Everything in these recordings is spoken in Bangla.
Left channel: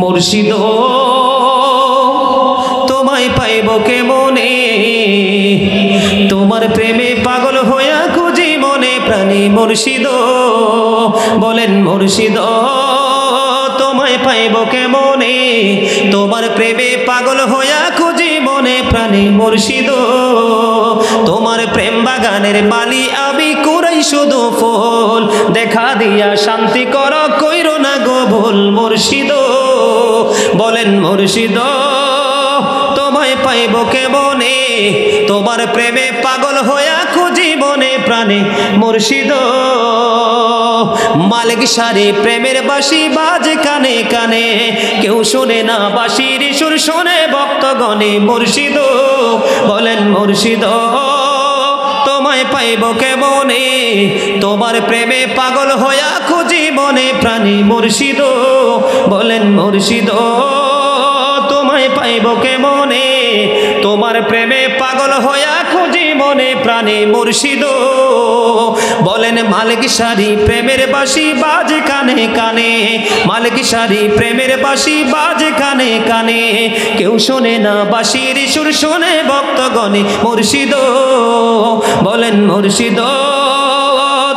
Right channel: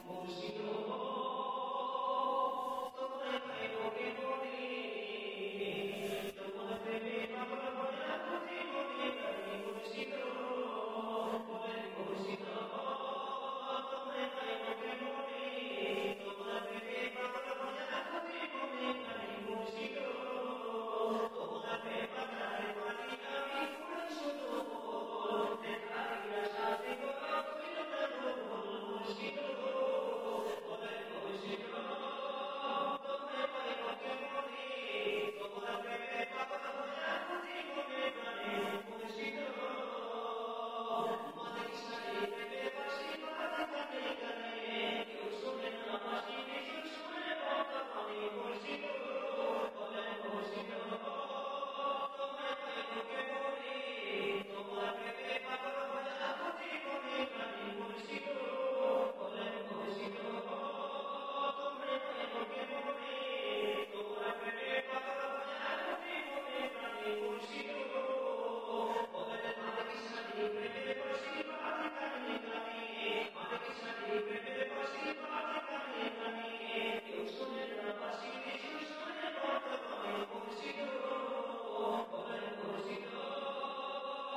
মুর্শিদ তোমায় পাইব কেমনে, তোমার প্রেমে পাগল হইয়া খুঁজি মনে প্রাণী। মুর্শিদ বলেন মুর্শিদ তোমায় পাইব কেমনে, তোমার প্রেমে পাগল হইয়া খুঁজি মনে প্রাণী। মুর্শিদ তোমার প্রেম বাগানের মালি আমি কুড়াই শুধু ফুল, দেখা দিয়া শান্তি কর কইরো না গো ভুল। মুর্শিদ বলেন মুর্শিদ তোমায় পাইব কেমনে, তোমার প্রেমে পাগল হইয়া খুঁজি মনে প্রাণে। মুর্শিদ মালিক সারি প্রেমের বাঁশি বাজে কানে কানে, কেউ শোনে না বাঁশির সুর শোনে ভক্তগণে। মুর্শিদ বলেন মুর্শিদ তোমায় পাইব কেমনে, তোমার প্রেমে পাগল হইয়া খুঁজি মনে প্রাণী। মুর্শিদ বলেন মুর্শিদ তোমায় পাইব কেমনে, তোমার প্রেমে পাগল হইয়া খুঁজি মনে প্রাণে। মুর্শিদ বলেন মালিক সারি প্রেমের বাঁশি বাজে কানে কানে, মালিক সারি প্রেমের বাঁশি বাজে কানে কানে, কেউ শোনে না বাঁশির সুর শোনে ভক্তগণে। মুর্শিদ বলেন মুর্শিদ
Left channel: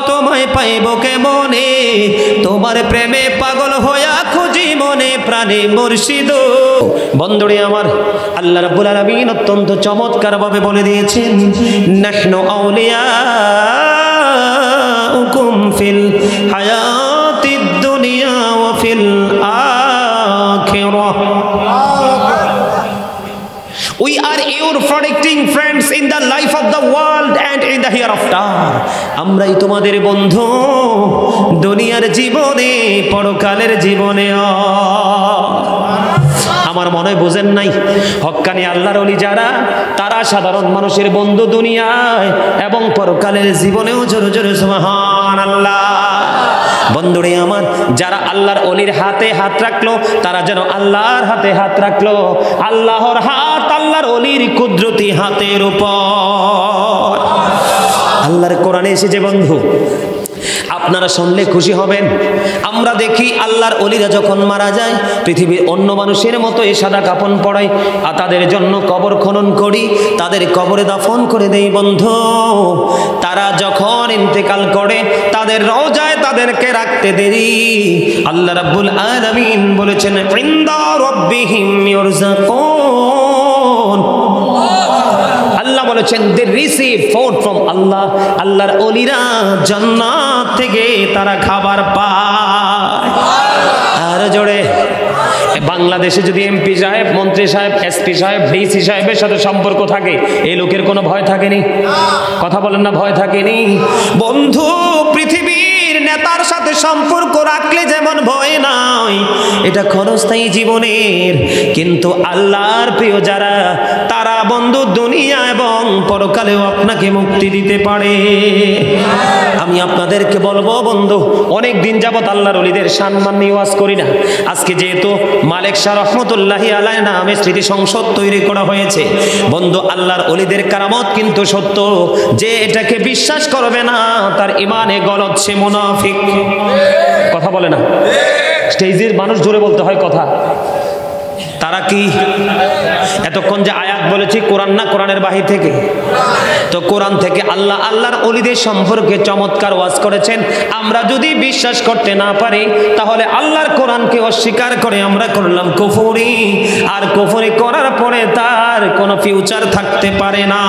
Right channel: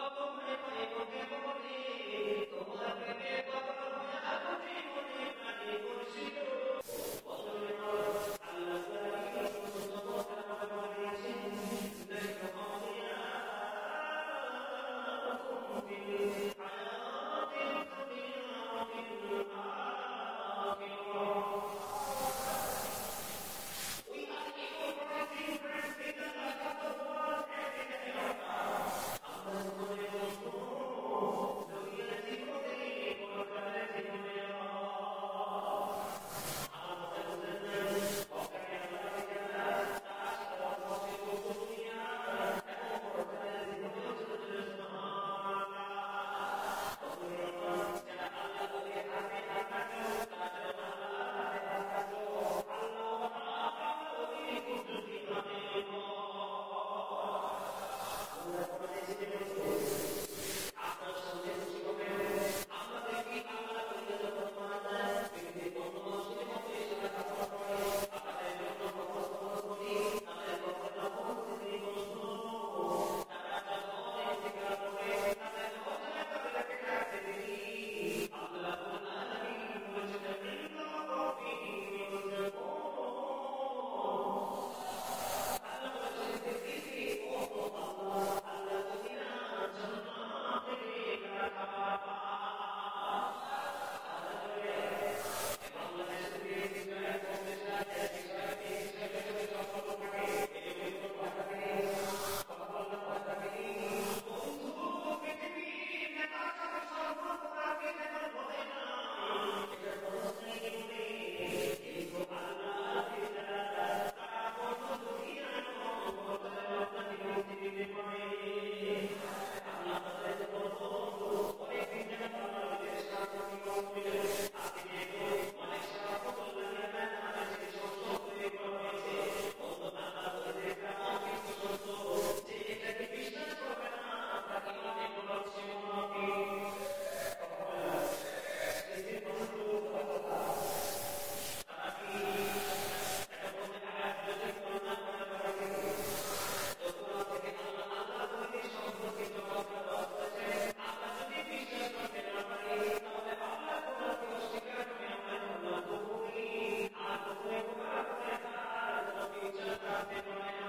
তোমায় পাইব কেমনে, তোমার প্রেমে পাগল হইয়া খুঁজি মনে প্রাণে। মুর্শিদ বন্ধুরে আমার, আল্লাহ রাব্বুল আলামিন অত্যন্ত চমৎকার ভাবে বলে দিয়েছেন, নাহনু আউলিয়াউকুম ফিল হায়াতিদ দুনিয়া ওয়া feel আখিরাহ। We are your protecting friends in the life of the world and in the hereafter. আমরাই তোমাদের বন্ধু দুনিয়ার জীবনে পরকালের জীবনে। আমার মনে হয় বোঝেন নাই, হক্কানি আল্লাহর ওলি যারা তারা সাধারণ মানুষের বন্ধু দুনিয়ায় এবং পরকালের জীবনেও। জোরে জোরে সুবহানাল্লাহ। বন্ধুরে আমার, যারা আল্লাহর ওলির হাতে হাত রাখলো তারা যেন আল্লাহর হাতে হাত রাখলো। আল্লাহর হাত আল্লাহর ওলির কুদরতি হাতের উপর। আল্লাহর কোরআনে এসেছে বন্ধু, আপনারা শুনলে খুশি হবেন। আমরা দেখি আল্লাহর ওলিরা যখন মারা যায় পৃথিবীর অন্য মানুষের মতো এই সাদা কাফন পরাই, আর তাদের জন্য কবর খনন করি, তাদের কবরে দাফন করে দেই। বন্ধু তারা যখন ইন্তেকাল করে তাদের রওজায় তাদেরকে রাখতে দেরি। আল্লাহ রাব্বুল আলামিন বলেছেন ইনদা রাব্বিহিম ইরযাকুন। আল্লাহ বলেছেন দে রিসিভ ফুড ফ্রম আল্লাহ। আল্লাহর ওলিরা জান্নাত থেকে তারা খাবার পায়। আর জোরে বাংলাদেশে যদি এমপি সাহেব, মন্ত্রী সাহেব, এসপি সাহেব, ডিসি সাহেবের সাথে সম্পর্ক থাকে, এই লোকের কোনো ভয় থাকেনি? কথা বলেন না, ভয় থাকেনি? বন্ধু পৃথিবীর নেতার সাথে সম্পর্ক রাখলে যেমন ভয় নাই, এটা ক্ষণস্থায়ী জীবনের। কিন্তু আল্লাহর প্রিয় যারা, তারা বন্ধু দুনিয়া এবং পরকালেও আপনাকে মুক্তি দিতে পারে। আমি আপনাদেরকে বলবো বন্ধু, অনেক দিন যাবত আল্লাহর ওলিদের সম্মান নিয়ে ওয়াজ করি না। আজকে যেহেতু মালিক শাহ রহমতুল্লাহি আলাইহি নামে স্মৃতি সংসদ তৈরি করা হয়েছে, বন্ধু আল্লাহর ওলিদের কারামত কিন্তু সত্য। যে এটাকে বিশ্বাস করবে না তার ইমানে গলত, সে মুনাফিক। কথা বলে না, স্টেজের মানুষ জোরে বলতে হয় কথা। তারা কি এতক্ষণ যে আয়াত বলেছি কোরআন না কোরআনের বাহির থেকে? তো কোরআন থেকে আল্লাহ আল্লাহর ওলিদের সম্পর্কে চমৎকার ওয়াজ করেছেন। আমরা যদি বিশ্বাস করতে না পারি তাহলে আল্লাহর কোরআনকে অস্বীকার করে আমরা করলাম কুফরি, আর কুফরি করার পরে তার কোনো ফিউচার থাকতে পারে না।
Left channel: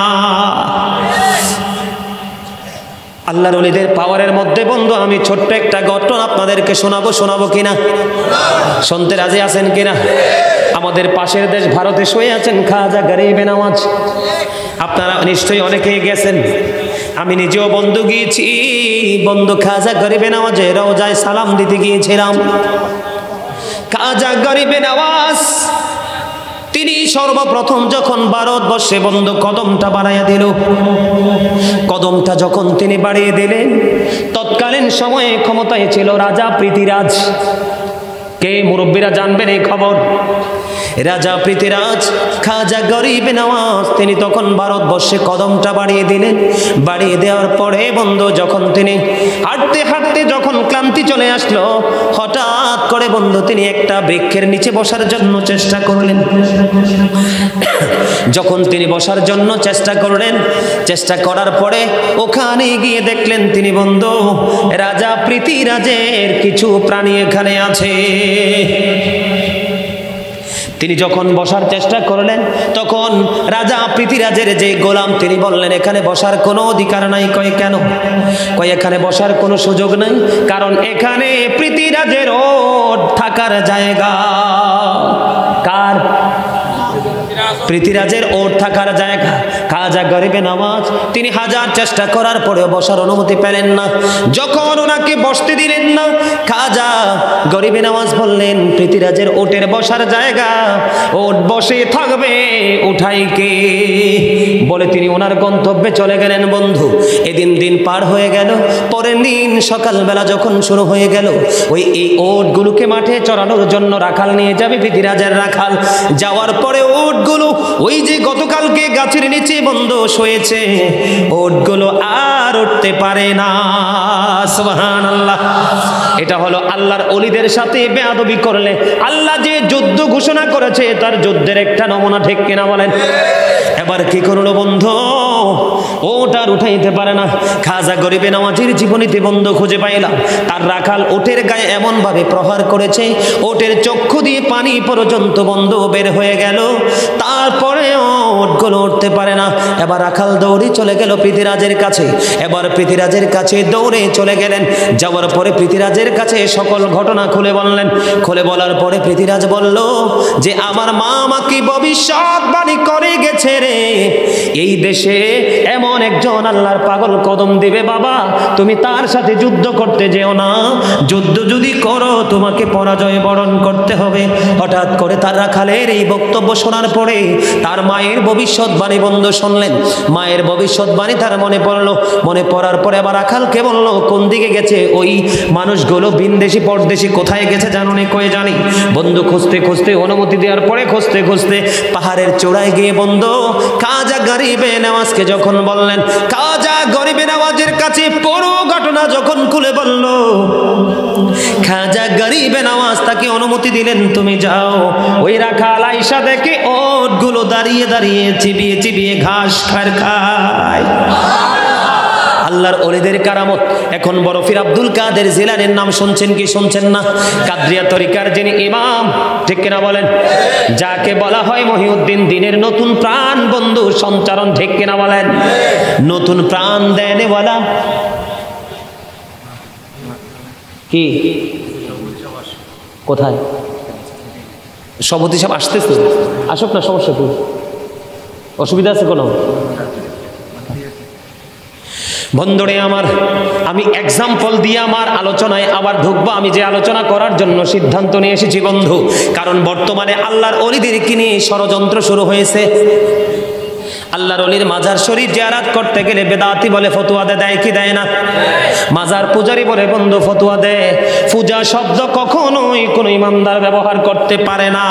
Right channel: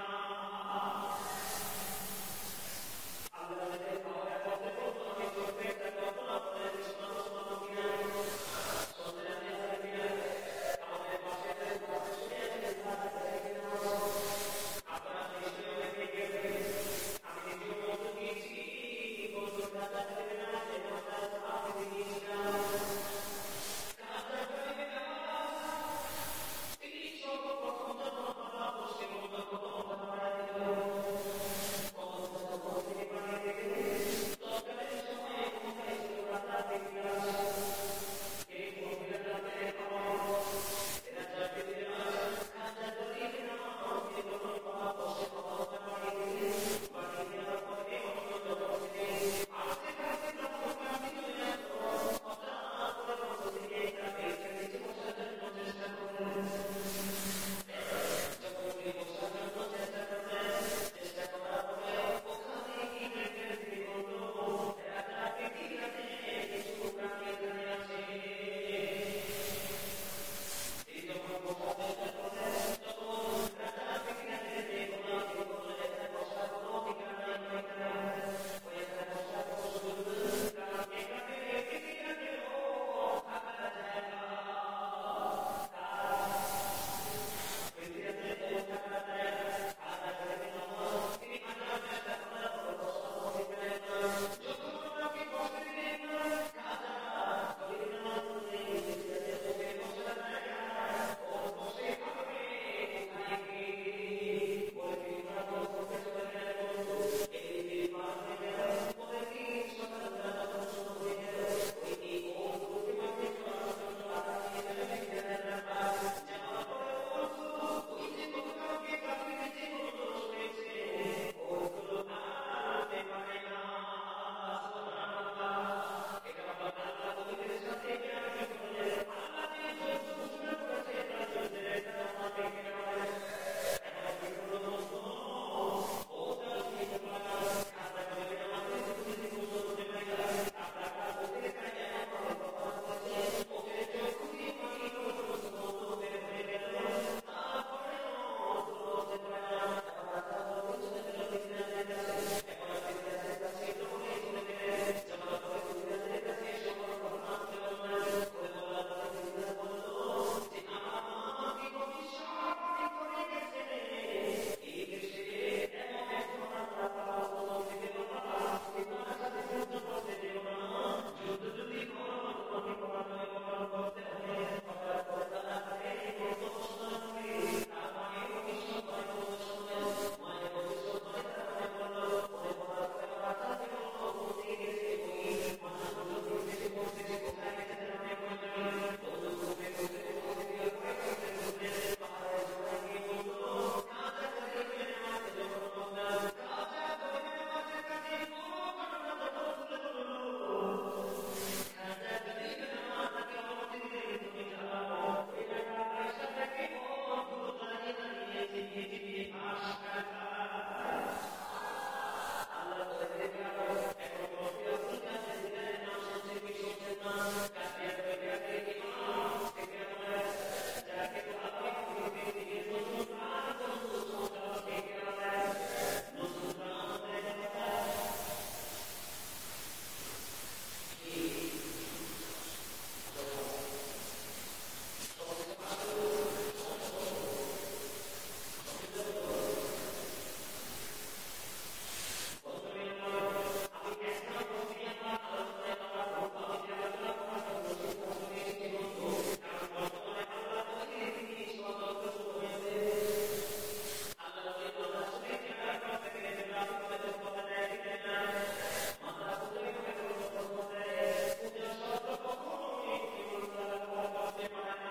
আল্লাহর ওলিদের পাওয়ারের মধ্যে বন্ধু আমি ছোট্ট একটা ঘটনা আপনাদেরকে শোনাবো কিনা? শুনতে রাজি আছেন কিনা? আমাদের পাশের দেশ ভারতে শুয়ে আছেন খাজা গরিবে নওয়াজ। আপনারা নিশ্চয়ই অনেকেই গেছেন, আমি নিজেও বন্ধু গিয়েছি। বন্ধু খাজা গরিবে নওয়াজের রওজায় সালাম দিতে গিয়েছিলাম। খাজা গরিবে নওয়াজ তিনি সর্বপ্রথম যখন ভারতবর্ষে বন্ধু কদমটা বাড়াইয়া দিল, কদমটা যখন তিনি বাড়িয়ে দিলেন, তৎকালীন সময়ে ক্ষমতায় ছিল রাজা পৃথ্বীরাজ। কে মুরব্বীরা জানবেন এই খবর? রাজা পৃথিরাজ খাজা গরিব নওয়াজ তিনি তখন ভারতবর্ষে কদমটা বাড়িয়ে দিলেন। বাড়িয়ে দেওয়ার পরে বন্ধু যখন তিনি হাঁটতে হাঁটতে যখন ক্লান্তি চলে আসলো, হঠাৎ করে বন্ধু তিনি একটা বৃক্ষের নিচে বসার জন্য চেষ্টা করলেন। যখন তিনি বসার জন্য চেষ্টা করলেন, চেষ্টা করার পরে ওখানে গিয়ে দেখলেন তিনি বন্ধু রাজা পৃথিরাজের কিছু প্রাণী এখানে আছে। তিনি যখন বসার চেষ্টা করলেন তখন রাজা পৃথিরাজের যে গোলাম তিনি বললেন এখানে বসার কোনো অধিকার নাই। কয় কেন? কয় এখানে বসার কোনো সুযোগ নাই, কারণ এখানে পৃথিরাজের ওট থাকার জায়গা। কার? পৃথিরাজের ওট থাকার জায়গা। খাজা গরিবে নওয়াজ তিনি হাজার চেষ্টা করার পরেও বসার অনুমতি পেলেন না। যখন ওনাকে বসতে দিলেন না, খাজা গরিবে নওয়াজ বললেন পৃথিরাজের ওটের বসার জায়গা, ওট বসে থাকবে, উঠাই কে? বলে তিনি ওনার গন্তব্যে চলে গেলেন। বন্ধু এদিন দিন পার হয়ে গেল। পরের দিন সকালবেলা যখন শুরু হয়ে গেল, এই ওটগুলোকে মাঠে চড়ানোর জন্য রাখাল নিয়ে যাবে। পৃথিরাজের রাখাল যাওয়ার পরে ওটগুলো ওই যে গতকালকে গাছের নিচে বন্ধ শুয়েছে, ওটগুলো আর উঠতে পারে না। সুবহানাল্লাহ। এটা হলো আল্লাহর ওলিদের সাথে বেয়াদবি করলে আল্লাহ যে যুদ্ধ ঘোষণা করেছে তার যুদ্ধের একটা নমুনা, ঠিক কিনা বলেন? এবার কি করলো বন্ধু? ওটার উঠাইতে পারে না। খাজা গরিবে নওয়াজের জীবনীতে বন্ধু খুঁজে পাইলাম তার রাখাল ওটের গায়ে এমন ভাবে প্রহার করেছে, ওটের চক্ষু দিয়ে পানি পর্যন্ত বন্ধু বের হয়ে গেল, তারপরে ওটগুলো উঠতে পারে না। এবার রাখাল দৌড়ে চলে গেল পৃথিরাজের কাছে। এবার পৃথিরাজের কাছে দৌড়ে চলে গেলেন। যাওয়ার পরে পৃথিরাজের কাছে সকল ঘটনা খুলে বললেন। খুলে বলার পরে পৃথিরাজ বলল যে আমার মা আমাকে ভবিষ্যৎবাণী করে গেছে রে, এই দেশে এমন একজন আল্লাহর পাগল কদম দিবে, বাবা তুমি তার সাথে যুদ্ধ করতে যেও না, যুদ্ধ যদি করো তোমাকে পরাজয় বরণ করতে হবে। হঠাৎ করে তার রাখালের এই বক্তব্য শোনার পরে তার মায়ের ভবিষ্যৎবাণী বন্ধু শুনলেন। মায়ের ভবিষ্যৎবাণী তার মনে পড়লো। মনে পড়ার পরে আবার রাখালকে বলল কোন দিকে গেছে ওই মানুষগুলো, বিনদেশি পরদেশি কোথায় গেছে জানো নি? কয়ে জানি। বন্ধু খুঁজতে খুঁজতে অনুমতি দেওয়ার পরে খুঁজতে খুঁজতে পাহাড়ের চূড়ায় গিয়ে বন্ধু খাজা গরিবে নওয়াজকে যখন বললেন, খাজা গরিবে নওয়াজের কাছে পুরো ঘটনা যখন খুলে বলল, খাজা গরিবে নওয়াজ তাকে অনুমতি দিলেন তুমি যাও। ওই রাখাল আয়েশা দেখে ওটগুলো দাঁড়িয়ে দাঁড়িয়ে চিবিয়ে চিবিয়ে ঘাস খায়। আল্লাহর ওলিদের কারামত। এখন বড় পীর আব্দুল কাদের জিলানীর নাম শুনছেন কি শুনছেন না? কাদরিয়া তরিকার যিনি ইমাম, ঠিক কিনা বলেন? যাকে বলা হয় মহিউদ্দিন দিনের নতুন প্রাণ বন্ধু সঞ্চারণ, ঠিক কিনা বলেন? নতুন প্রাণ দেনেওয়ালা কি? কোথায় সভাপতি সাহেব আসতেছে? আসুক না, সমস্যা কি? অসুবিধা আছে কোনো? বন্ধুরে আমার, আমি এক্সাম্পল দিয়ে আমার আলোচনায় আবার ঢুকবো। আমি যে আলোচনা করার জন্য সিদ্ধান্ত নিয়ে এসেছি বন্ধু, কারণ বর্তমানে আল্লাহর ওলিদেরকে নিয়ে ষড়যন্ত্র শুরু হয়েছে। আল্লাহর ওলির মাজার শরীফ জিয়ারত করতে গেলে বেদাতি বলে ফতোয়া দেয় কি দেয় না? মাজার পূজারি বলে বন্ধু ফতোয়া দেয় পূজা শব্দ কখনোই কোনো ইমানদার ব্যবহার করতে পারে না।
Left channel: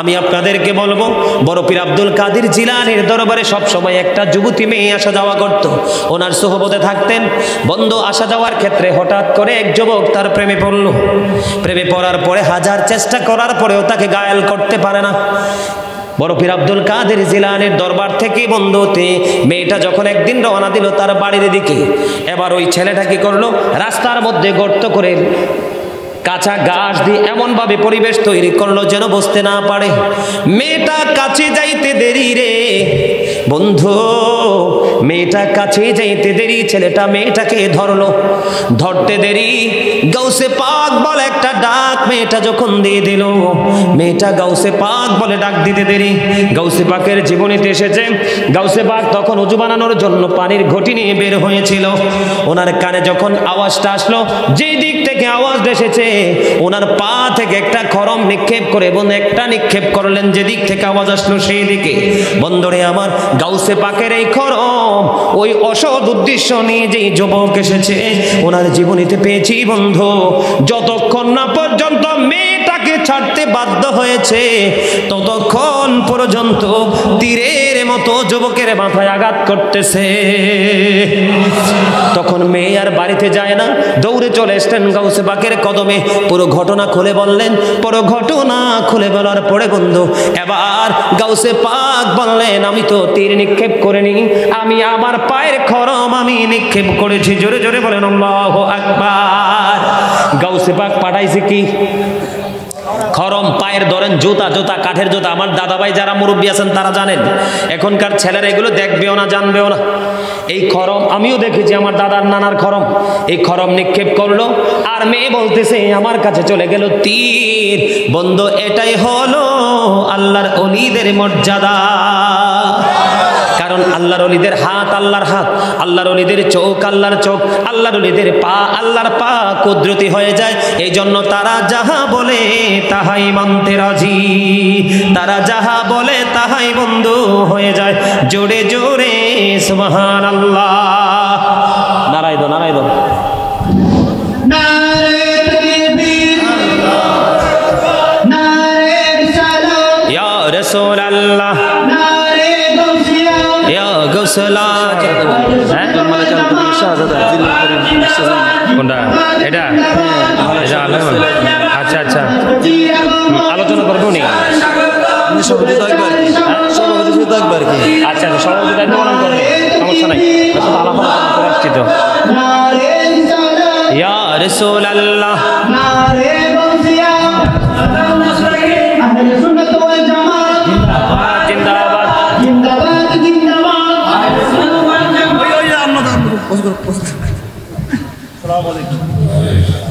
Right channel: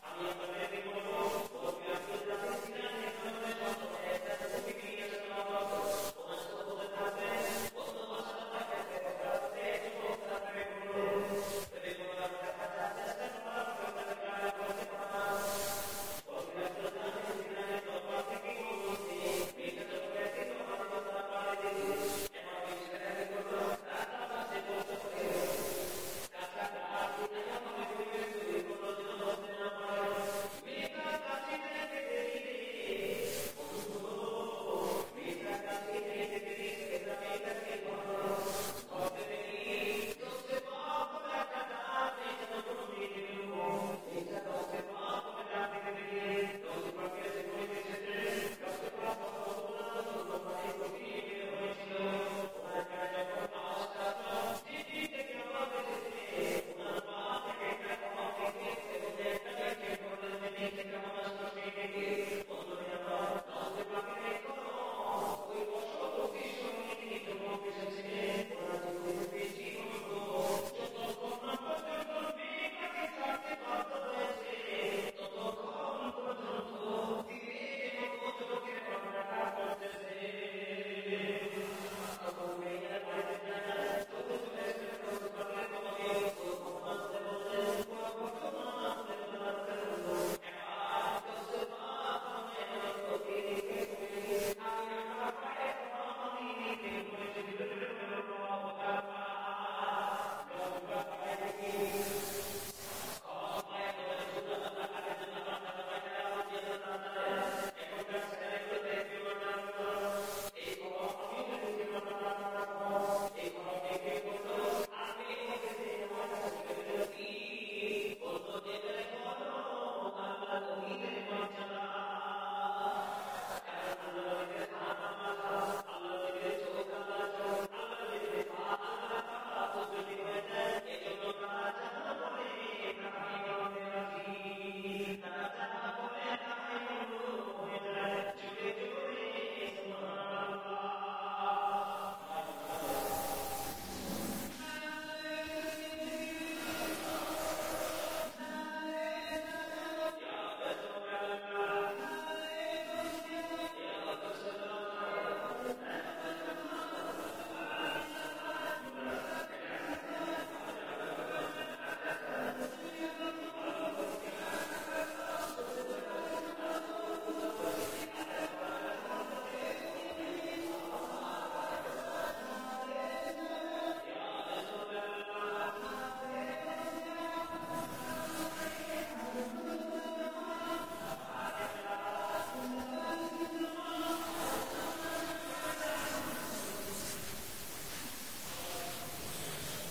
আমি আপনাদেরকে বলবো, বড় পীর আব্দুল কাদের জিলানীর দরবারে সব সময় একটা যুবতী মেয়ে আসা যাওয়া করত। ওনার সোহবতে থাকতেন। বন্ধু আসা যাওয়ার ক্ষেত্রে হঠাৎ করে এক যুবক তার প্রেমে পড়ল। প্রেমে পড়ার পরে হাজার চেষ্টা করার পরেও তাকে গায়েল করতে পারে না। বড় পীর আব্দুল কাদের জিলানীর দরবার থেকে বন্ধুতে মেয়েটা যখন একদিন রওনা দিল তার বাড়ির দিকে, এবার ওই ছেলেটা কি করলো, রাস্তার মধ্যে গর্ত করে কাঁচা ঘাস দিয়ে এমন ভাবে পরিবেশ তৈরি করলো যেন বসতে না পারে। মেয়েটা কাছে যাইতে দেরি রে বন্ধু, মেয়েটা কাছে যাইতে দেরি, ছেলেটা মেয়েটাকে ধরলো। ধরতে দেরি গাউসে পাক বলে একটা ডাক মেয়েটা যখন দিয়ে দিল, মেয়েটা গাউসে পাক বলে ডাক দিতে দেরি। গাউসে পাকের জীবনীতে এসেছে গাউসে পাক তখন উজু বানানোর জন্য পানির ঘটি নিয়ে বের হয়েছিল। ওনার কানে যখন আওয়াজটা আসলো, যেই দিক থেকে আওয়াজ এসেছে ওনার পা থেকে একটা খরম নিক্ষেপ করে এবং একটা নিক্ষেপ করলেন যেদিক থেকে আওয়াজ আসলো সেই দিকে। বন্ধুরে আমার, গাউসে পাকের এই খরম ওই অসৎ উদ্দেশ্য নিয়ে যেই যুবক এসেছে ওনার জীবনীতে পেয়েছি বন্ধু, যতক্ষণ না পর্যন্ত মেয়েটাকে ছাড় কাটতে বাধ্য হয়েছে ততক্ষণ পর্যন্ত তীরের মতো যুবকের মাথায় আঘাত করতেছে। তখন মেয়ে আর বাড়িতে যায় না, দৌড়ে চলে এসলেন গাউসে পাকের কদমে, পুরো ঘটনা খুলে বললেন। পুরো ঘটনা খুলে বলার পরে বন্ধু এবার গাউসে পাক বললেন, আমি তো তীর নিক্ষেপ করিনি, আমি আমার পায়ের খরম আমি নিক্ষেপ করেছি। জোরে জোরে বলেন আল্লাহু আকবার। গাউসে পাক পাঠাইছে কি? খরম, পায়ের ধরেন জুতা, জুতা কাঠের জুতা। আমার দাদাভাই যারা মুরব্বী আছেন তারা জানেন, এখনকার ছেলেরা এগুলো দেখবেও না, জানবেও না। এই খরম আমিও দেখেছি, আমার দাদার নানার খরম। এই খরম নিক্ষেপ করলো আর মেয়ে বলতেছে আমার কাছে চলে গেল তীর। বন্ধু এটাই হলো আল্লাহর ওলিদের মর্যাদা। কারণ আল্লাহর ওলিদের হাত আল্লাহর হাত, আল্লাহর ওলিদের চোখ আল্লাহর চোখ, আল্লাহর ওলিদের পা আল্লাহর পা কুদরতি হয়ে যায়। এই জন্য তারা যাহা বলে তাহাই মানতে রাজি, তারা যাহা বলে তাহাই বন্ধু হয়ে যায়। জোরে জোরে সুবহানাল্লাহ। নারাই দো, নারাই দো। ইয়া রাসূলুল্লাহ, এটা আচ্ছা আচ্ছা, আলোচনা করবো নি। আচ্ছা সভাপতি দায়িত্ব পালন করবে, সমস্যা নাই, আসছি তো। ইয়া রাসূলুল্লাহ,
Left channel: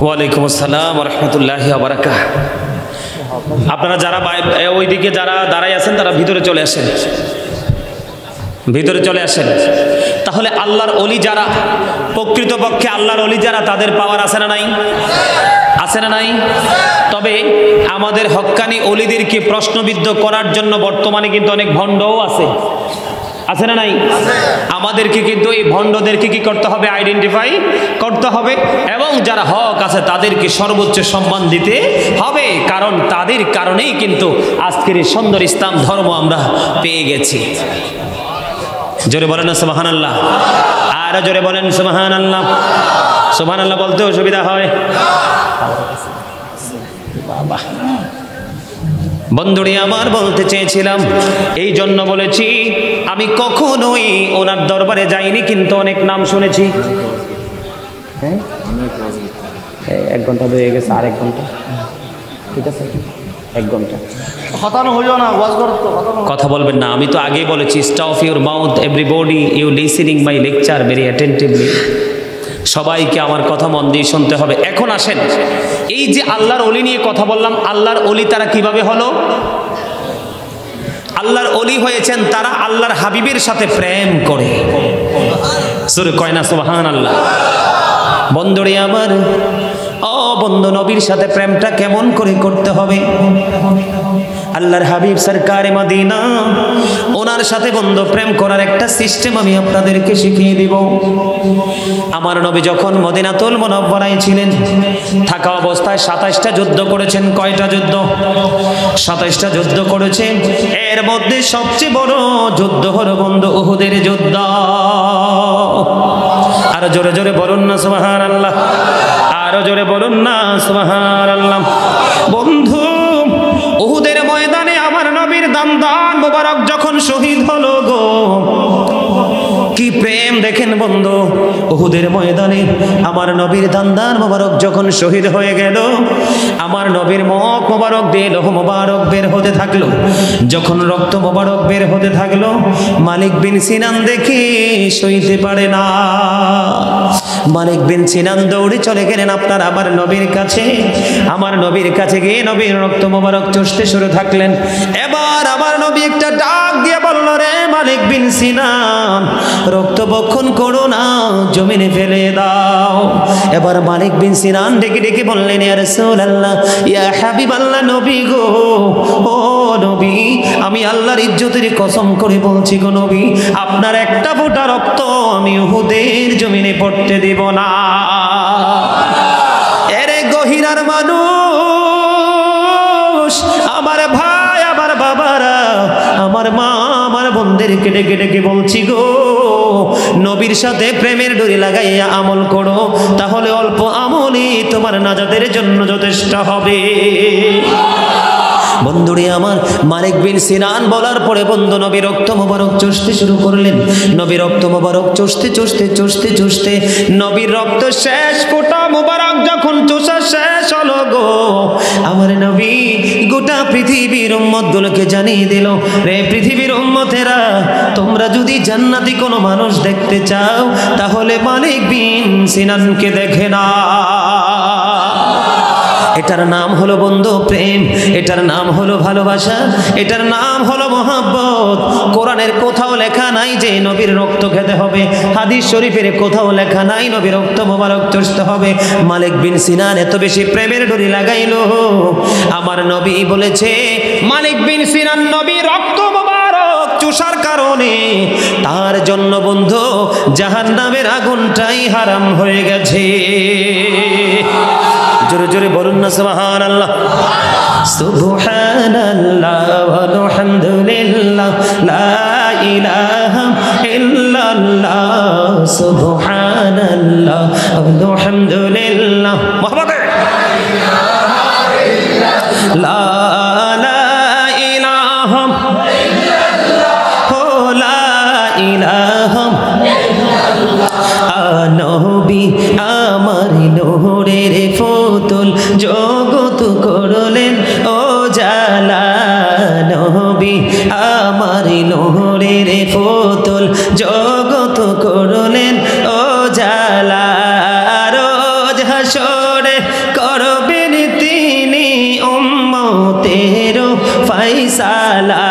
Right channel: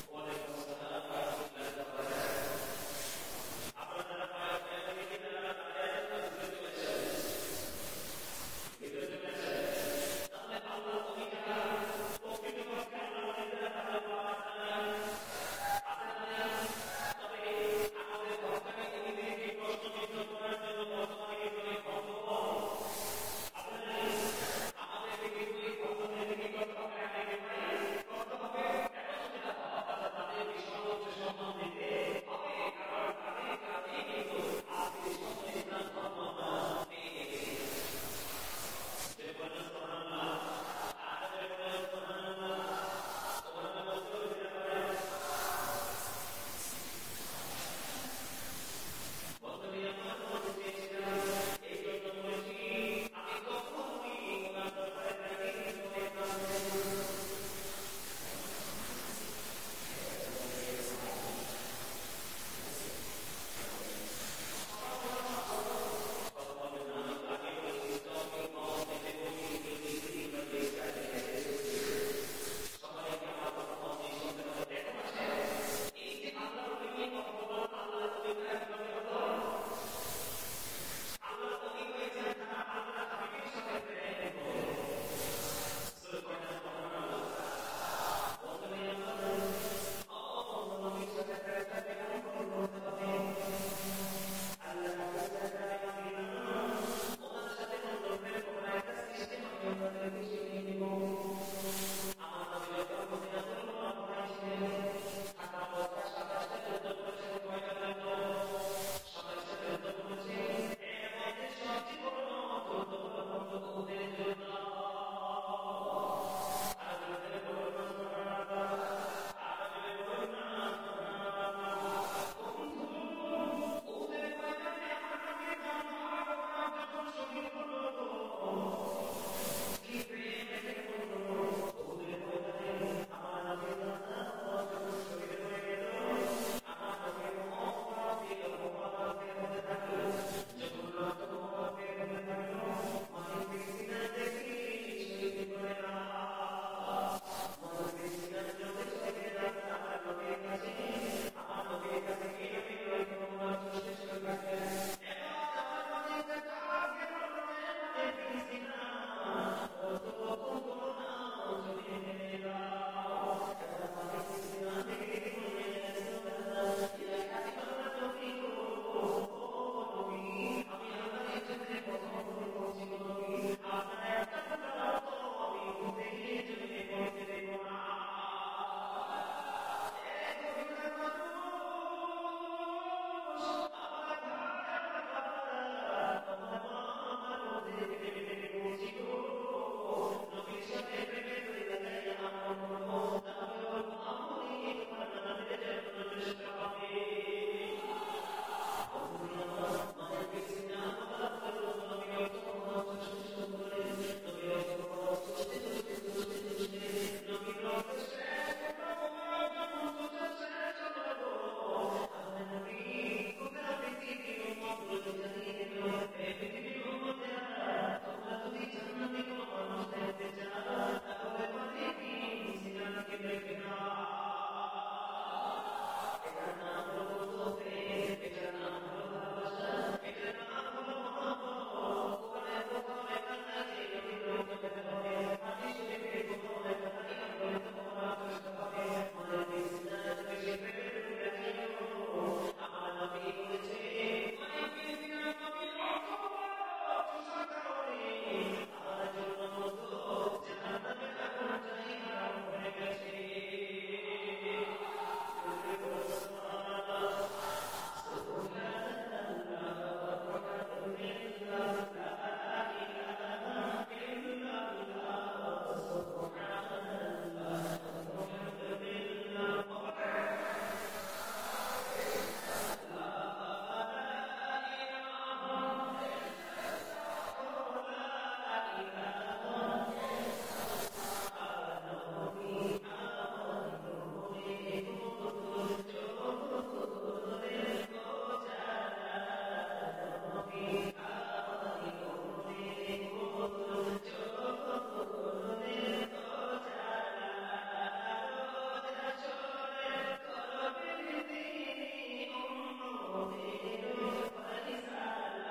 ওয়ালাইকুম আসসালাম ওয়া রাহমাতুল্লাহি ওয়া বারাকাতুহু। আপনারা যারা ওইদিকে যারা দাঁড়াই আছেন তারা ভিতরে চলে আসেন, ভিতরে চলে আসেন। তাহলে আল্লাহর ওলি যারা, প্রকৃতপক্ষে আল্লাহর ওলি যারা, তাদের পাওয়ার আছে না নাই? আছে না নাই? তবে আমাদের হক্কানি ওলিদেরকে প্রশ্নবিদ্ধ করার জন্য বর্তমানে কিন্তু অনেক ভণ্ডও আছে, আছে না নাই? আমাদেরকে কিন্তু এই ভণ্ডদেরকে কি করতে হবে? আইডেন্টিফাই করতে হবে, এবং যারা হক আছে তাদেরকে সর্বোচ্চ সম্মান দিতে হবে। কারণ তাদের কারণেই কিন্তু আজকের এই সুন্দর ইসলাম ধর্ম আমরা পেয়ে গেছি। জোরে বলেন না সুবহানাল্লাহ, আরো জোরে বলেন সুবহানাল্লাহ। সুবহানাল্লাহ বলতে অসুবিধা হয়? বাবা বন্ধুরে আমার বলতে চেয়েছিলাম, এই জন্য বলেছি আমি কখনোই ওনার দরবারে যাইনি, কিন্তু অনেক নাম শুনেছি। হ্যাঁ 1 ঘন্টা হয়ে গেছে, আর 1 ঘন্টা, ঠিক আছে 1 ঘন্টা কথা বলবেন না। আমি তো আগেই বলেছি, stop your mouth everybody, you listening my lecture very attentively. সবাইকে আমার কথা মন দিয়ে শুনতে হবে। এখন আসেন, এই যে আল্লাহর ওলি নিয়ে কথা বললাম, আল্লাহর ওলি তারা কিভাবে হলো? আল্লাহর ওলি হয়েছেন তারা আল্লাহর হাবিবের সাথে প্রেম করে। সূরা কয় না সুবহানাল্লাহ। বন্ধুরে আমার, ও বন্ধু, নবীর সাথে প্রেমটা কেমন করে করতে হবে? আল্লাহর হাবিব সরকারে মদিনা, ওনার সাথে বন্ধু প্রেম করার একটা সিস্টেম আমি আপনাদেরকে শিখিয়ে দিব। আমার নবী যখন মদিনাতুল মুনাওয়ারায় ছিলেন, থাকা অবস্থায় 27টা যুদ্ধ করেছেন। কয়টা যুদ্ধ? 27টা যুদ্ধ করেছেন। এর মধ্যে সবচেয়ে বড় যুদ্ধ হলো বন্ধু উহুদের যুদ্ধ। আর জোরে জোরে বলুন না সুবহানাল্লাহ, আরো জোরে বলুন না সুবহানাল্লাহ। বন্ধু উহুদের ময়দানে আমার নবীর দান মোবারক যখন শহীদ হলো গো, কি প্রেম দেখেন বন্ধু। উহুদের ময়দানে আমার নবীর দান মোবারক যখন শহীদ হয়ে গেল, আমার নবীর মুখ মোবারক দিয়ে লৌহ মোবারক বের হতে থাকলো। যখন রক্ত মোবারক বের হতে থাকলো, মালিক বিন সিনান দেখে সইতে পারে না। মালিক বিন সিনান দৌড়ে চলে গেলেন আপনার আমার নবীর কাছে। আমার নবীর কাছে গিয়ে নবীর রক্ত মোবারক চষতে শুরু থাকলেন। এবার আমার নবী একটা ডাক দিয়ে বলল, রে মালিক বিন সিনান, রক্ত বক্ষণ করো না, জমিনে ফেলে দাও। এবার মালিক বিন সিনান ডেকে ডেকে বললেন, ইয়া রাসূলুল্লাহ, ইয়া হাবিবাল্লাহ, নবী গো, ও নবী, আমি আল্লাহর ইজ্জতের কসম করে বলছি গো নবী, আপনার একটা ফোঁটা রক্ত আমি উহুদের জমিনে পড়তে দেব না। এরে গহিরার মানুষ, আমার মা আমার বোনদেরকে ডেকে ডেকে বলছি গো, নবীর সাথে প্রেমের ডোরি লাগাইয়া আমল করো, তাহলে অল্প আমলই তোমার নাজাতের জন্য যথেষ্ট হবে। বন্ধুরে আমার, মালিক বিন সিনান বলার পরে বন্ধু নবী রক্ত মোবারক চষতে শুরু করলেন। নবী রক্ত মোবারক চষতে চষতে চষতে চষতে নবীর রক্ত শেষ ফোঁটা মোবারক যখন চষা শেষ হলো গো, আমার নবী গোটা পৃথিবীর উম্মতগুলোকে জানিয়ে দিল, রে পৃথিবীর উম্মতেরা, তোমরা যদি জান্নাতি কোনো মানুষ দেখতে চাও তাহলে মালিক বিন সিনানকে দেখে না। এটার নাম হলো বন্ধু প্রেম, এটার নাম হলো ভালোবাসা, এটার নাম হলো মহব্বত। কোরআনের কোথাও লেখা নাই যে নবীর রক্ত খেতে হবে, হাদিস শরীফের কোথাও লেখা নাই নবীর রক্ত মোবারক চষতে হবে। মালিক বিন সিনান এত বেশি প্রেমের ডোরি লাগাইলো, আমার নবী বলেছে মালিক বিন সিনান নবীর রক্ত মোবারক চষার কারণে তার জন্য বন্ধু জাহান্নামের আগুনটাই হারাম হয়ে গেছে। জোরে জোরে বলুন না সুবহানাল্লাহ। সুবহানাল্লাহ ওয়ালহামদুলিল্লাহ লা ইলাহা ইল্লাল্লাহ, সুবহানাল্লাহ ওয়ালহামদুলিল্লাহ মুহাম্মাদে লা ইলাহা ইল্লাল্লাহ লা ইলাহা ইল্লাল্লাহ। নবী আমার নূরের ফুতুল, জগত করলেন ও জালা, নবী আমার নূরের ফুতুল, জগত করলেন ও জালা। রোজ হাসরে করবেন তিনি উম্মতের ফায়সালা,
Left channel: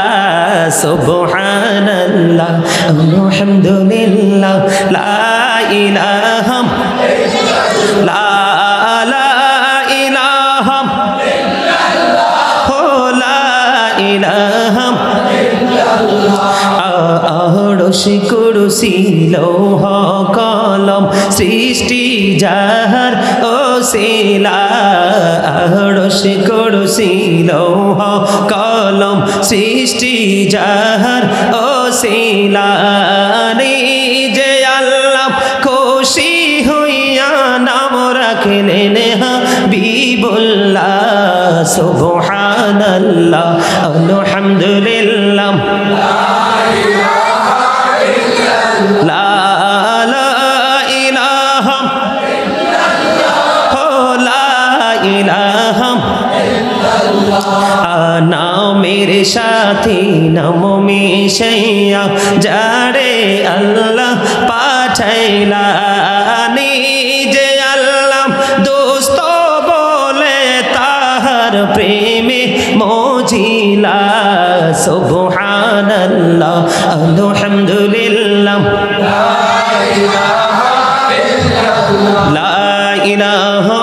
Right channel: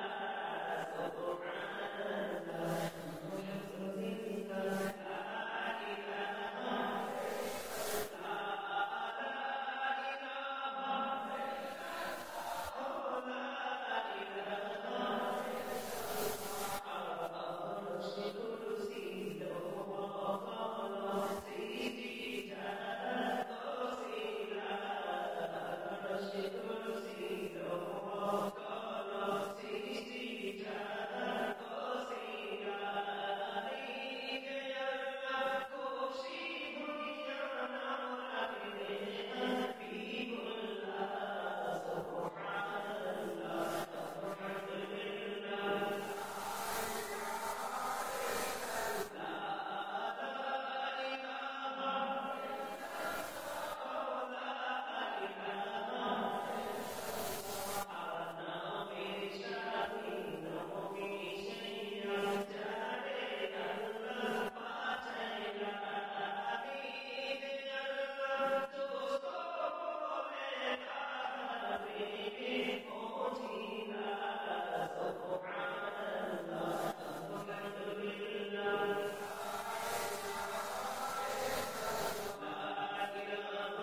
সুবহানাল্লাহ আলহামদুলিল্লাহ লা ইলাহা লা কুরসি লৌহ কলম সৃষ্টি যাহার ওসিলা, আরশ কুরসি লৌহ কলম সৃষ্টি যাহার ওসিলা। নিজে আল্লাহ খুশি হইয়া নাম রাখলেন হাবিবুল্লাহ, সুবহানাল্লাহ আলহামদুলিল্লাহ নামের সাথী নাম মিশাইয়া যারে আল্লাহ পাঠাইলা, নিজে আল্লাহ দোস্ত বলে তাহার প্রেমে মজিলা, সুবহানাল্লাহ আলহামদুলিল্লাহ লা ইলাহা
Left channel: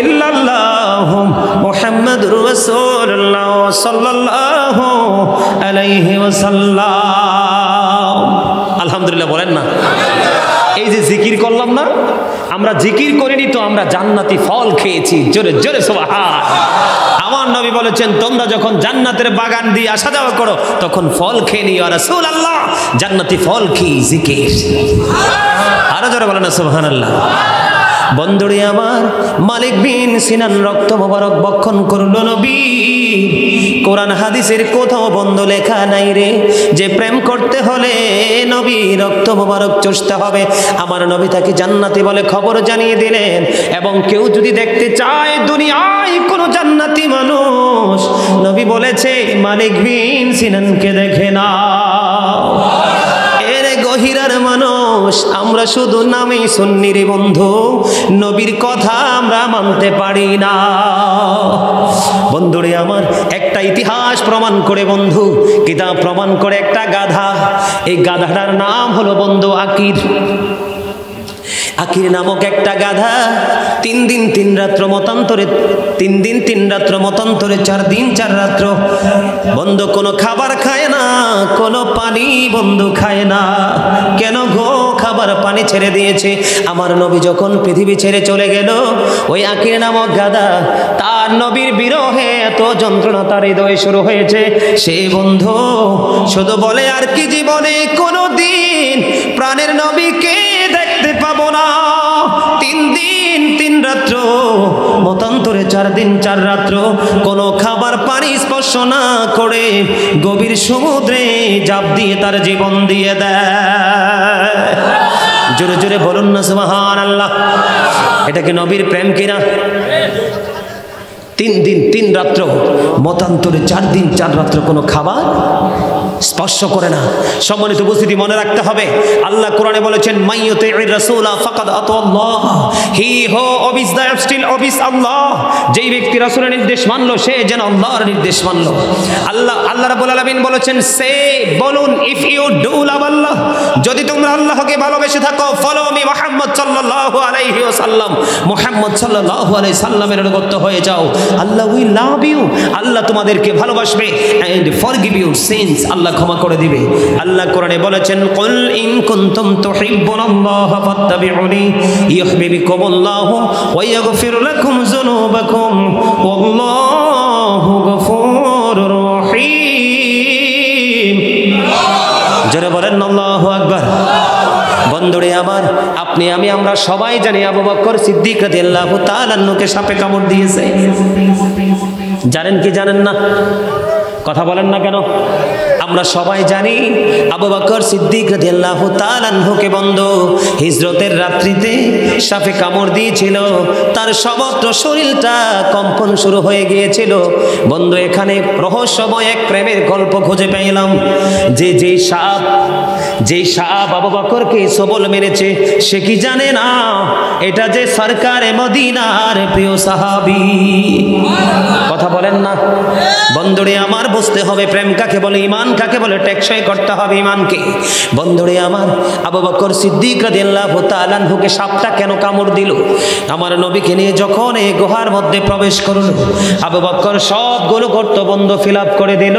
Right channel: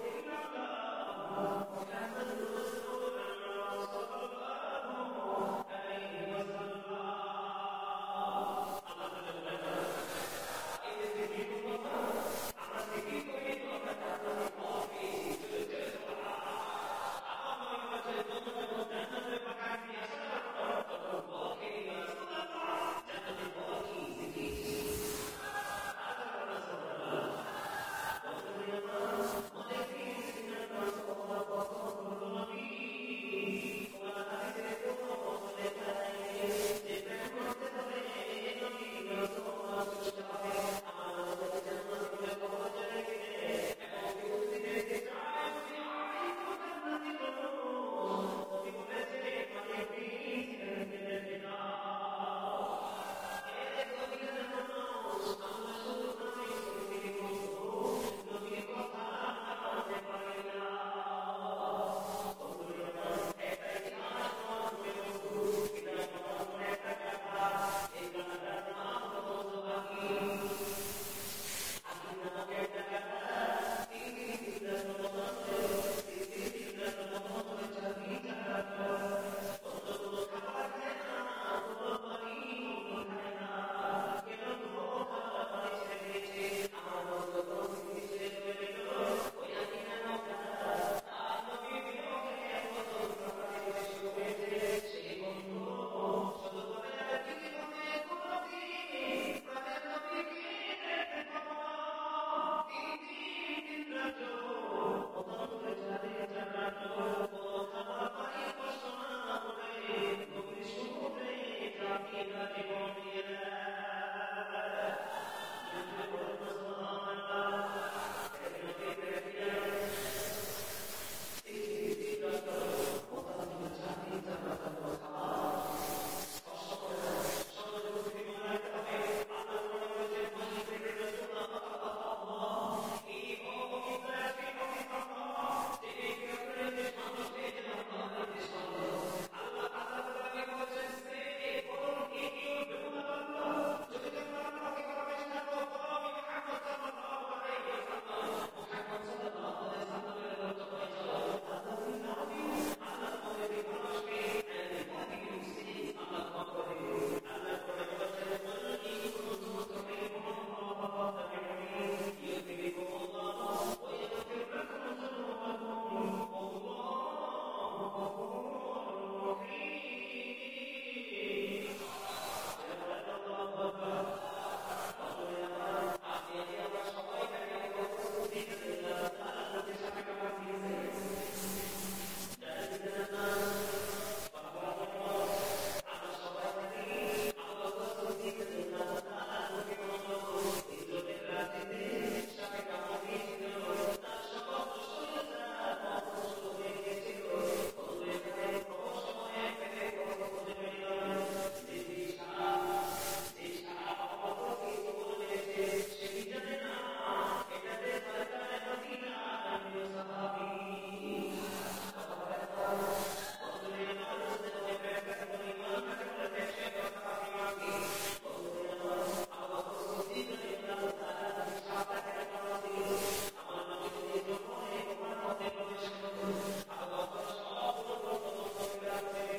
ইল্লাল্লাহ মুহাম্মাদুর রাসূলুল্লাহ সাল্লাল্লাহু আলাইহি ওয়াসাল্লাম। আলহামদুলিল্লাহ বলেন না। এই যে জিকির করলাম না, আমরা জিকির করিনি তো আমরা জান্নাতি ফল খেয়েছি। জোরে জোরে সুবহান। আমার নবী বলেছেন তোমরা যখন জান্নাতের বাগান দিয়ে আসা যাওয়া করো তখন ফল খেয়ে নিও। রাসূলুল্লাহ জান্নাতি ফল কি? জিকির। আরো জোরে বলেন না সুবহানাল্লাহ। বন্ধুরে আমার, মালিক বিন সিনান রক্ত মোবারক বক্ষণ করল নবী। কোরআন হাদিসের কোথাও বন্ধ লেখা নাই রে যে প্রেম করতে হলে নবী রক্ত মোবারক চষতে হবে। আমার নবী তাকে জান্নাতি বলে খবর জানিয়ে দিলেন। এবং কেউ যদি দেখতে চায় দুনিয়ায় কোনো জান্নাতি মানুষ, নবী বলেছে মালিক বিন সিনানকে দেখে না। গহিরার মানুষ আমরা শুধু নামেই শুনি রে বন্ধু, নবীর কথা আমরা মানতে পারি না। বন্ধুরে আমার, একটা ইতিহাস প্রমাণ করে বন্ধু, কিতাব প্রমাণ করে একটা গাধা। এই গাধাটার নাম হলো বন্ধু আকির। আকির নামক একটা গাধা 3 দিন 3 রাত্র মতান্তরে 3 দিন 3 রাত্র মতান্তরে 4 দিন 4 রাত্র বন্ধু কোনো খাবার খায় না, কোনো পানি বন্ধু খায় না। কেন গো? খাবার পানি পানি ছেড়ে দিয়েছে। আমার নবী যখন পৃথিবী ছেড়ে চলে গেল, ওই আকির নামক গাদা তার নবীর বিরহে এত যন্ত্রণা তার হৃদয়ে শুরু হয়েছে। সে বন্ধু শুধু বলে আর কি জীবনে কোনোদিন প্রাণের নবীকে দেখতে পাবো না। 3 দিন 3 রাত্র, মতান্তরে 4 দিন 4 রাত্র কোনো খাবার পানি স্পর্শ না করে গভীর সমুদ্রে জাপ দিয়ে তার জীবন দিয়ে দেয়। জোরে জোরে বলুন না সুবহানাল্লাহ। এটা কি নবীর প্রেম কিনা? 3 দিন 3 রাত্র, মতান্তরে 4 দিন 4 রাত্র কোনো খাবার স্পর্শ করে না। সম্মানিত উপস্থিতি, মনে রাখতে হবে আল্লাহ কোরআনে বলেছেন মাইয়ুতির রাসূলা ফাকাদ আতাল্লাহ, হি হু ওবিস দ্য স্টিল ওবিস আল্লাহ। যেই ব্যক্তি রাসূলের নির্দেশ মানলো সে যেন আল্লাহর নির্দেশ মানলো। আল্লাহ রাব্বুল আলামিন বলেছেন, সে বলুন, ইফ ইউ ডু লাভ আল্লাহ, যদি তোমরা আল্লাহকে ভালোবেসে থাকো, ফলো মি মুহাম্মদ সাল্লাল্লাহু আলাইহি ওয়াসাল্লাম, মুহাম্মদ সাল্লাল্লাহু আলাইহি সাল্লামের অনুগত হয়ে যাও, আল্লাহ উইল লাভ ইউ, আল্লাহ তোমাদেরকে ভালোবাসবে, এন্ড ফরগিভ ইউর সিনস, আল্লাহ ক্ষমা করে দিবে। আল্লাহ কোরআনে বলেছেন কুল ইন কুনতুম তুহিব্বুনাল্লাহ ফাত্তাবিউনি ইউহিব্বুকুমুল্লাহু ওয়া ইয়াগফির লাকুম যুনুবাকুম ওয়াল্লাহু গফুরুর রহিম। জোরে বলেন আল্লাহু আকবার। বন্ধুরে আমার, আপনি আমি আমরা সবাই জানি আবু বকর সিদ্দিক রাদিয়াল্লাহু তাআলা আনহুকে সাপে কামড় দিয়েছে। জানেন কি জানেন না? কথা বলেন না কেন? আমরা সবাই জানি আবু বকর সিদ্দিক রাদিয়াল্লাহু তাআলা আনহুকে বন্ধু হিজরতের রাত্রিতে সাপে কামড় দিয়েছিল। তার সমগ্র শরীরটা কম্পন শুরু হয়ে গিয়েছিল। বন্ধু, এখানে রহস্যময় এক প্রেমের গল্প খুঁজে পেলাম। যেই সাপ আবু বকরকে সবল মেরেছে, সে কি জানে না এটা যে সরকারে মদিনার প্রিয় সাহাবী? কথা বলেন না বন্ধুরে আমার। বুঝতে হবে প্রেম কাকে বলে, ঈমান কাকে বলে, টেকসই করতে হবে ঈমানকে। বন্ধুরে আমার, আবু বকর সিদ্দিক রাদিয়াল্লাহু তাআলা আনহুকে সাপটা কেন কামড় দিল? আমার নবীকে নিয়ে যখন এই গুহার মধ্যে প্রবেশ করলো, আবু বকর সবগুলো গর্ত বন্ধ ফিল আপ করে দিল।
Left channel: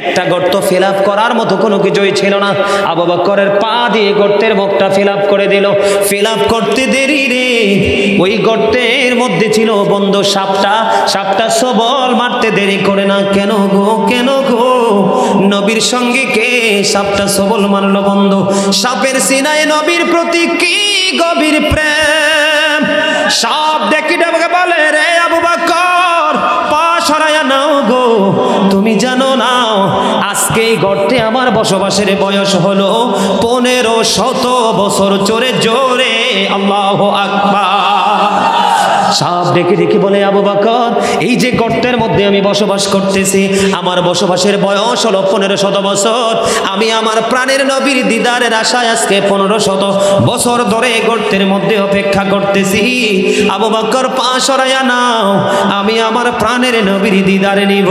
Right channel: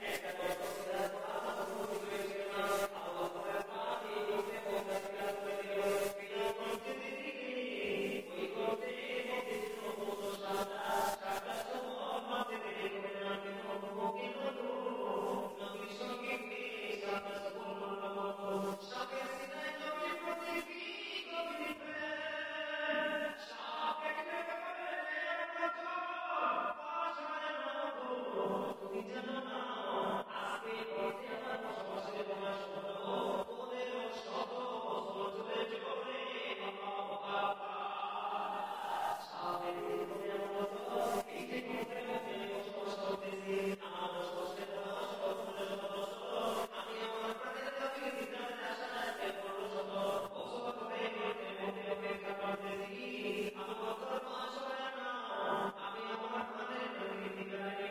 একটা গর্ত ফিল আপ করার মতো কোনো কিছুই ছিল না। আবু বকরের পা দিয়ে গর্তের মুখটা ফিল আপ করে দিল। ফিল আপ করতে দেরি রে, ওই গর্তের মধ্যে ছিল বন্ধু সাপটা সবল মারতে দেরি করে না। কেন গো, কেন গো? নবীর সঙ্গে কে সাপটা সবল মারলো বন্ধু? সাপের সিনায় নবীর প্রতি কি গভীর প্রেম। সাপ দেখি আমাকে বলে, রে আবু বকর, পা সরাইয়া নাও গো, তুমি জানো না আজকে এই গর্তে আমার বসবাসের বয়স হলো 1500 বছর। জোরে জোরে আল্লাহু আকবার। সাপ ডেকে ডেকে বলে, আবু বকর, এই যে গর্তের মধ্যে আমি বসবাস করতেছি, আমার বসবাসের বয়স হলো 1500 বছর। আমি আমার প্রাণের নবীর দিদারের আশায় আজকে 1500 বছর ধরে গর্তের মধ্যে অপেক্ষা করতেছি। আবু বকর, পা সরাইয়া নাও, আমি আমার প্রাণের নবীর দিদারে নিব।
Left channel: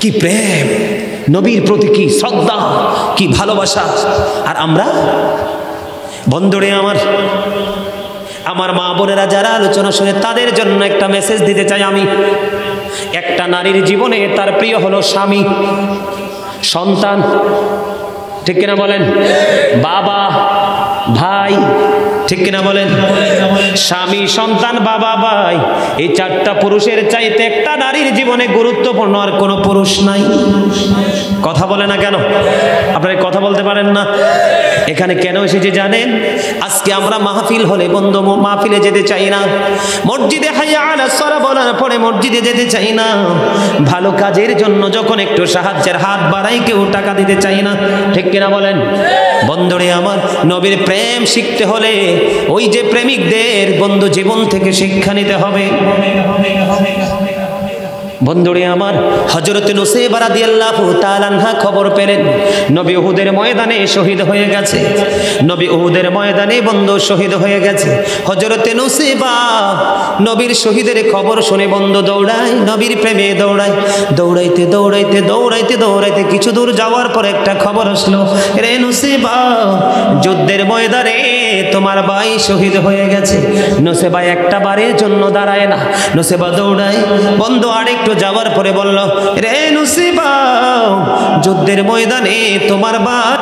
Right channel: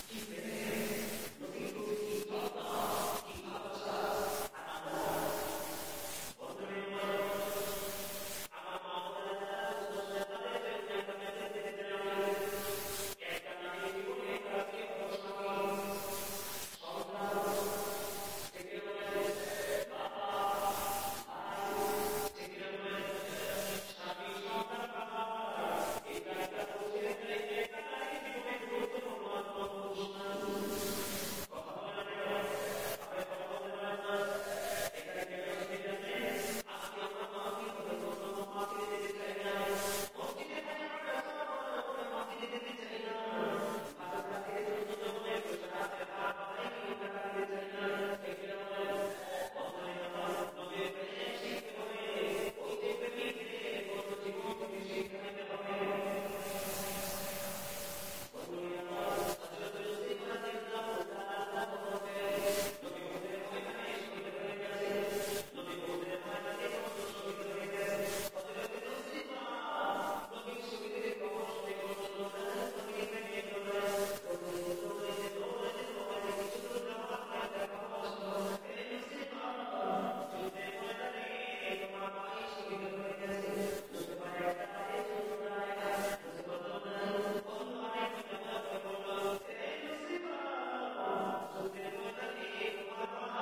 কি প্রেম, নবীর প্রতি কি শ্রদ্ধা, কি ভালোবাসা। আর আমরা বন্ধুরে আমার মা বোনেরা যারা আলোচনা শুনে, তাদের জন্য একটা মেসেজ দিতে চাই আমি। একটা নারীর জীবনে তার প্রিয় হলো স্বামী, সন্তান, ঠিক কিনা বলেন? বাবা, ভাই, ঠিক কিনা বলেন? স্বামী, সন্তান, বাবা, ভাই, এই 4টা পুরুষের চাইতে একটা নারীর জীবনে গুরুত্বপূর্ণ আর কোনো পুরুষ নাই। কথা বলে না কেন? আপনারা কথা বলতে পারেন না? এখানে কেন এসেছি জানেন? আজকে আমরা মাহফিল হলে বন্ধু মাহফিলে যেতে চাই না, মসজিদে হাইয়া আলাস সালাহ বলার পরে মসজিদে যেতে চাই না, ভালো কাজের জন্য যখন একটু সাহায্যের হাত বাড়াই কেউ টাকা দিতে চাই না, ঠিক কিনা বলেন? বন্ধুরে আমার, নবীর প্রেম শিখতে হলে ওই যে প্রেমিকদের বন্ধু জীবন থেকে শিক্ষা নিতে হবে। বন্ধুরে আমার, হযরত নুসাইবা রাদিয়াল্লাহু তাআলা আনহা খবর পেলেন নবী উহুদের ময়দানে শহীদ হয়ে গেছে। নবী উহুদের ময়দানে বন্ধু শহীদ হয়ে গেছে। হযরত নুসাইবা নবীর শহীদের খবর শুনে বন্ধু দৌড়ায়, নবীর প্রেমে দৌড়ায়। দৌড়াইতে দৌড়াইতে দৌড়াইতে দৌড়াইতে কিছু দূর যাওয়ার পর একটা খবর আসলো, রে নুসাইবা, যুদ্ধের ময়দানে তোমার ভাই শহীদ হয়ে গেছে। নুসাইবা একটা বারের জন্য দাঁড়ায় না, নুসাইবা দৌড়ায়। বন্ধু আরেকটু যাওয়ার পরে বলল, রে নুসাইবা, যুদ্ধের ময়দানে তোমার ভাই